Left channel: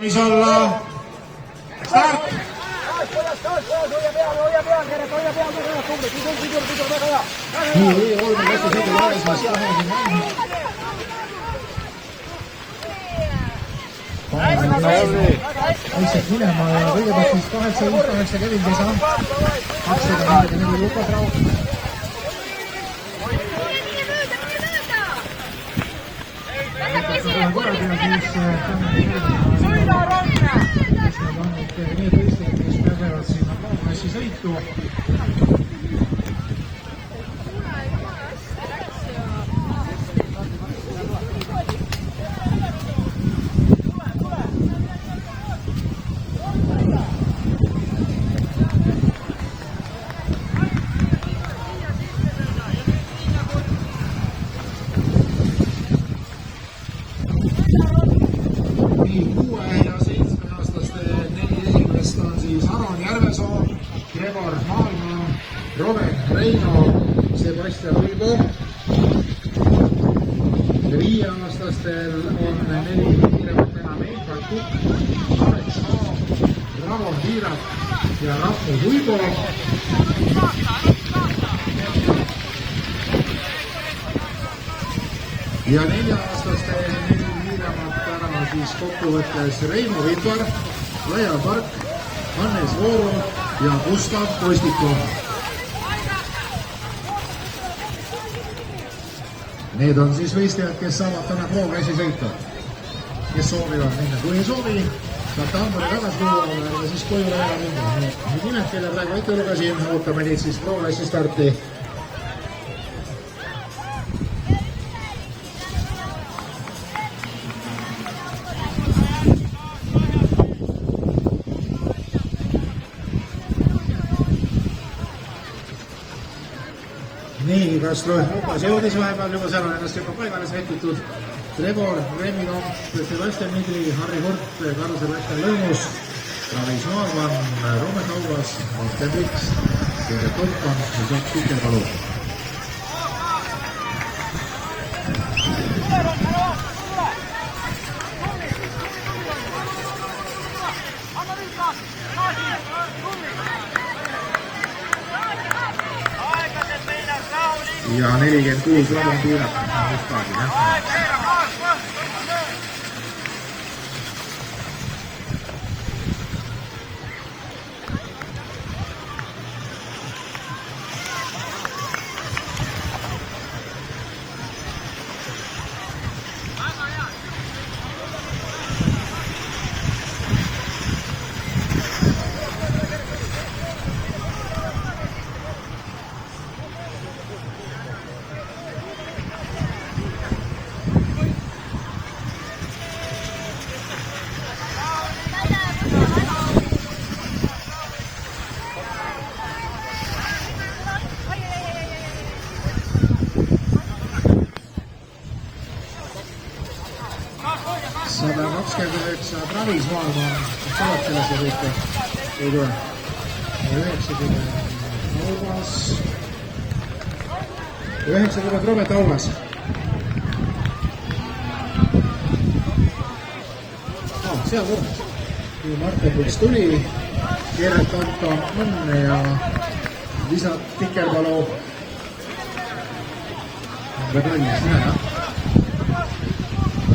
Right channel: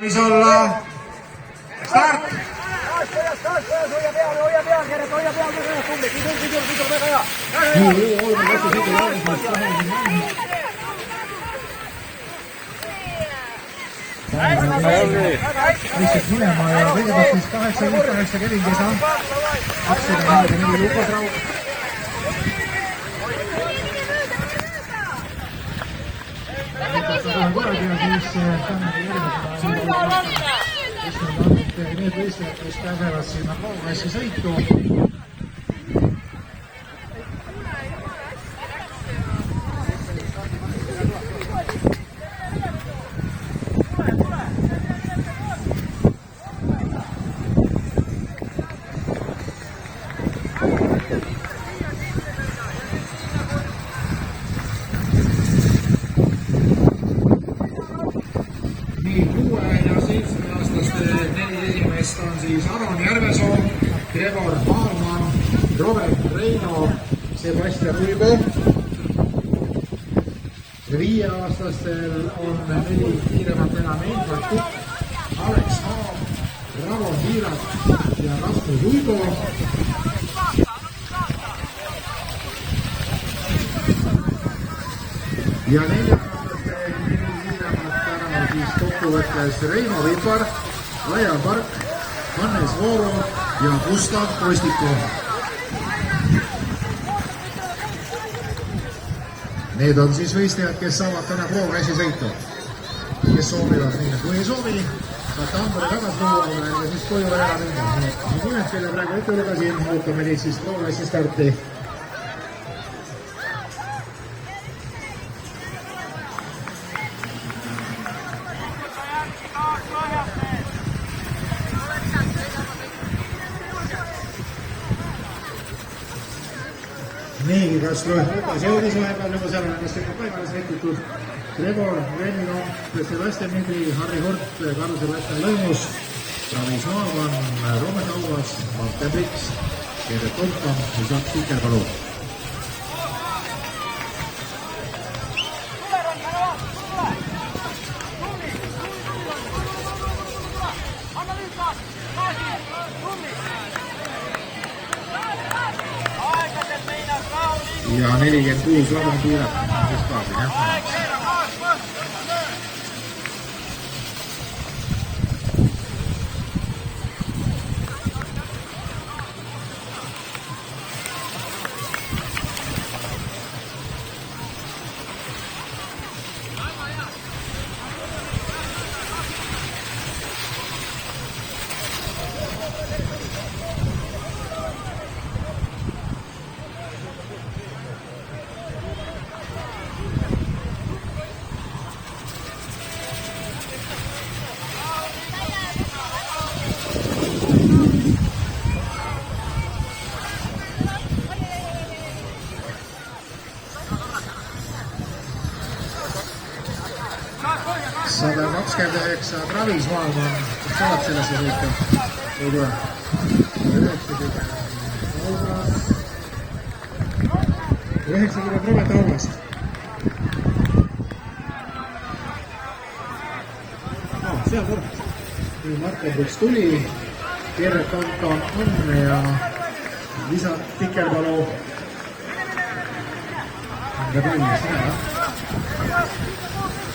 mis olla start. nii, oleme Läti sõidu Laalismaast 20. Lihtsalt minema ja kõigepealt siis 8-5-8 Kevin Kesa. 1-4 Lukas Raud. Kuradi ja siis Tanel Järvema liiga uue vaata. Need on need võistlejad, kes pääsevad sinna Pro-klassi sõitu. Nii, 6- ja 7-aastaste 4 esimest on siis Aron Järvesoo, Gregor Baumann, Robert Reino, Sebastian Rüübe. 5-aastastel on 4 kiiremat enam Infot Kukk, Alex Haab, Ravo Hiirak ja Rasmus Uibo. Ja 4-aastastel siis kokkuvõttes Reimo Vipar, Laia Park, Hannes Vooru ja Gustav Kostike. Need on siis võistlejad, kes saavad täna Pro-klassi sõita. Kes soovivad minna, kui ei soovi, saab Tambori tagasi tuua ja siis koju ära minna. Need nimed, kelle praegu ette lugesin, ootame neid siis Pro-klassi starti. Nii, Kastro Lukas jõudis vahepeal juba seal ennast juba paigale sätitud. Gregor, Reimi Lomp, Sebastian Midri, Harri Hort, Karl-Sebastian Lõunus, Travis Noormann, Robert Auvas, Martin Riks, Gerrit Tolpan ja Jaak Pikerpalu. Ja 46 on piirat. Sada 29 Travis Noormann, kes saab sellesse sõita, ei tea. 90 Auvas, 90 Robert Auvas. Seal kord, kui Martin Riks tuli, Gerrit Tolpan on ja Lisa Pikerpalu on ka palmas nii.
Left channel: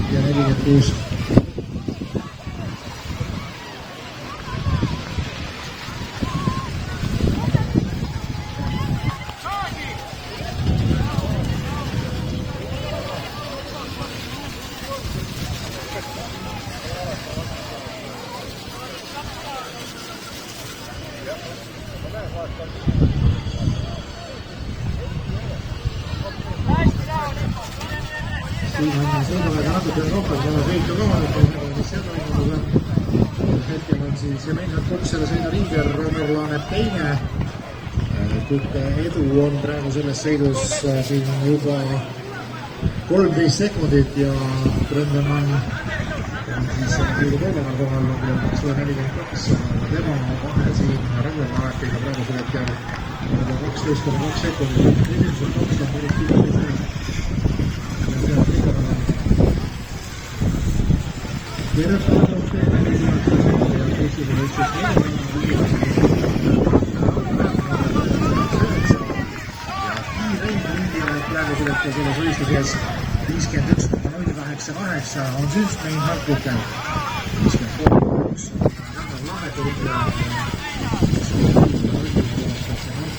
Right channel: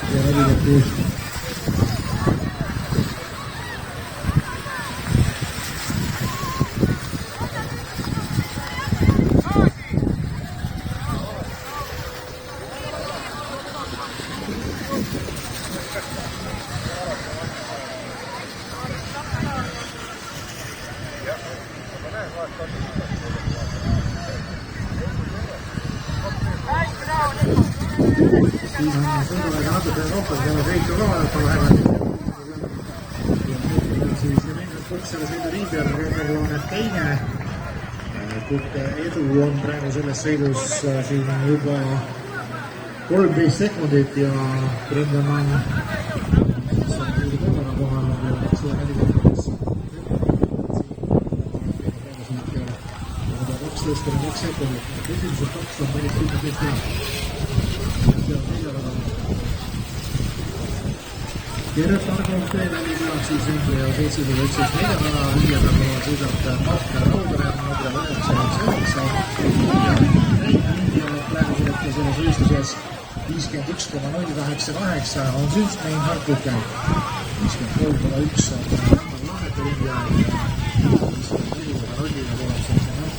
Ja nägid kuus. Siis on sõiduvaid natuke rohkem, kui sõitu ka vaadata vahepeal, mis seal on. Mõtleb on siis Mennat Koks selle sõidu liider, Rõõmurlaanet teine. Kutte edu on praegu selles sõidus siin juba 13 sekundit ja Brendan on siis sõidu põlema kõnel ja 142 tema siin Rõõmurlaanetiga praegusel hetkel 12,2 sekundit. Esimesed 20 päris Kertale poolt teeme 4000 ja teisele ütles 4 vana, 5 vana, 5 praegu selles võistluses 51,088 on siis Mein Harkuken 53,1 on väga Laheku ringjana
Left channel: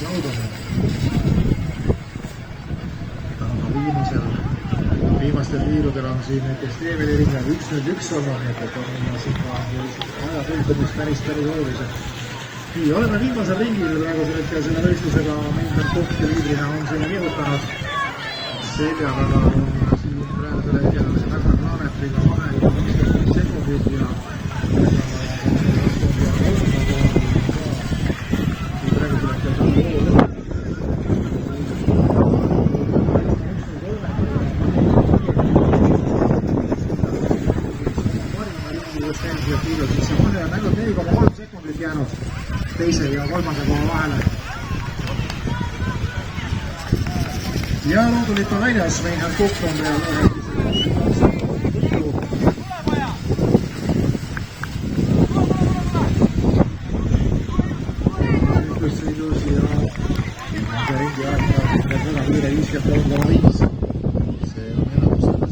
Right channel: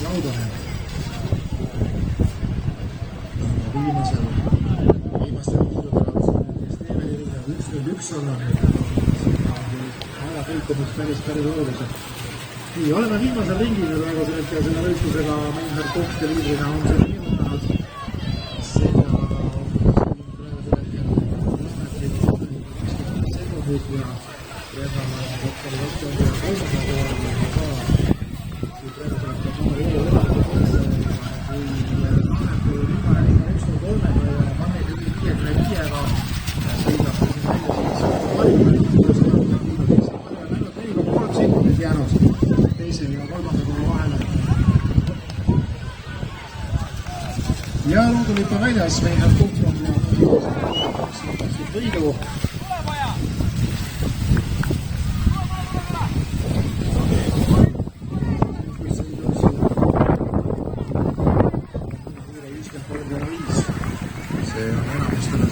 Laudane viimastel viirudel on siin näiteks Teeveli rinnaga 1-1 olnud, nii et siin on väga tõltumist päris olulised. Nii, oleme viimasel ringil praegu selle võistlusega Meinhard Kokk ja liidrina on sinna nihutanud. Selja taga on siin praegusel hetkel väga Planetriga vahega 50 sekundit ja kolmanda kohal ka. Kui praegusel hetkel saame loo lõpetada. Teise ja kolmanda koha vahele. Ja loodulikult on väljas Meinhard Kokk on ja võidu. Sõidus ja väga kiire 53,5. See on enamustele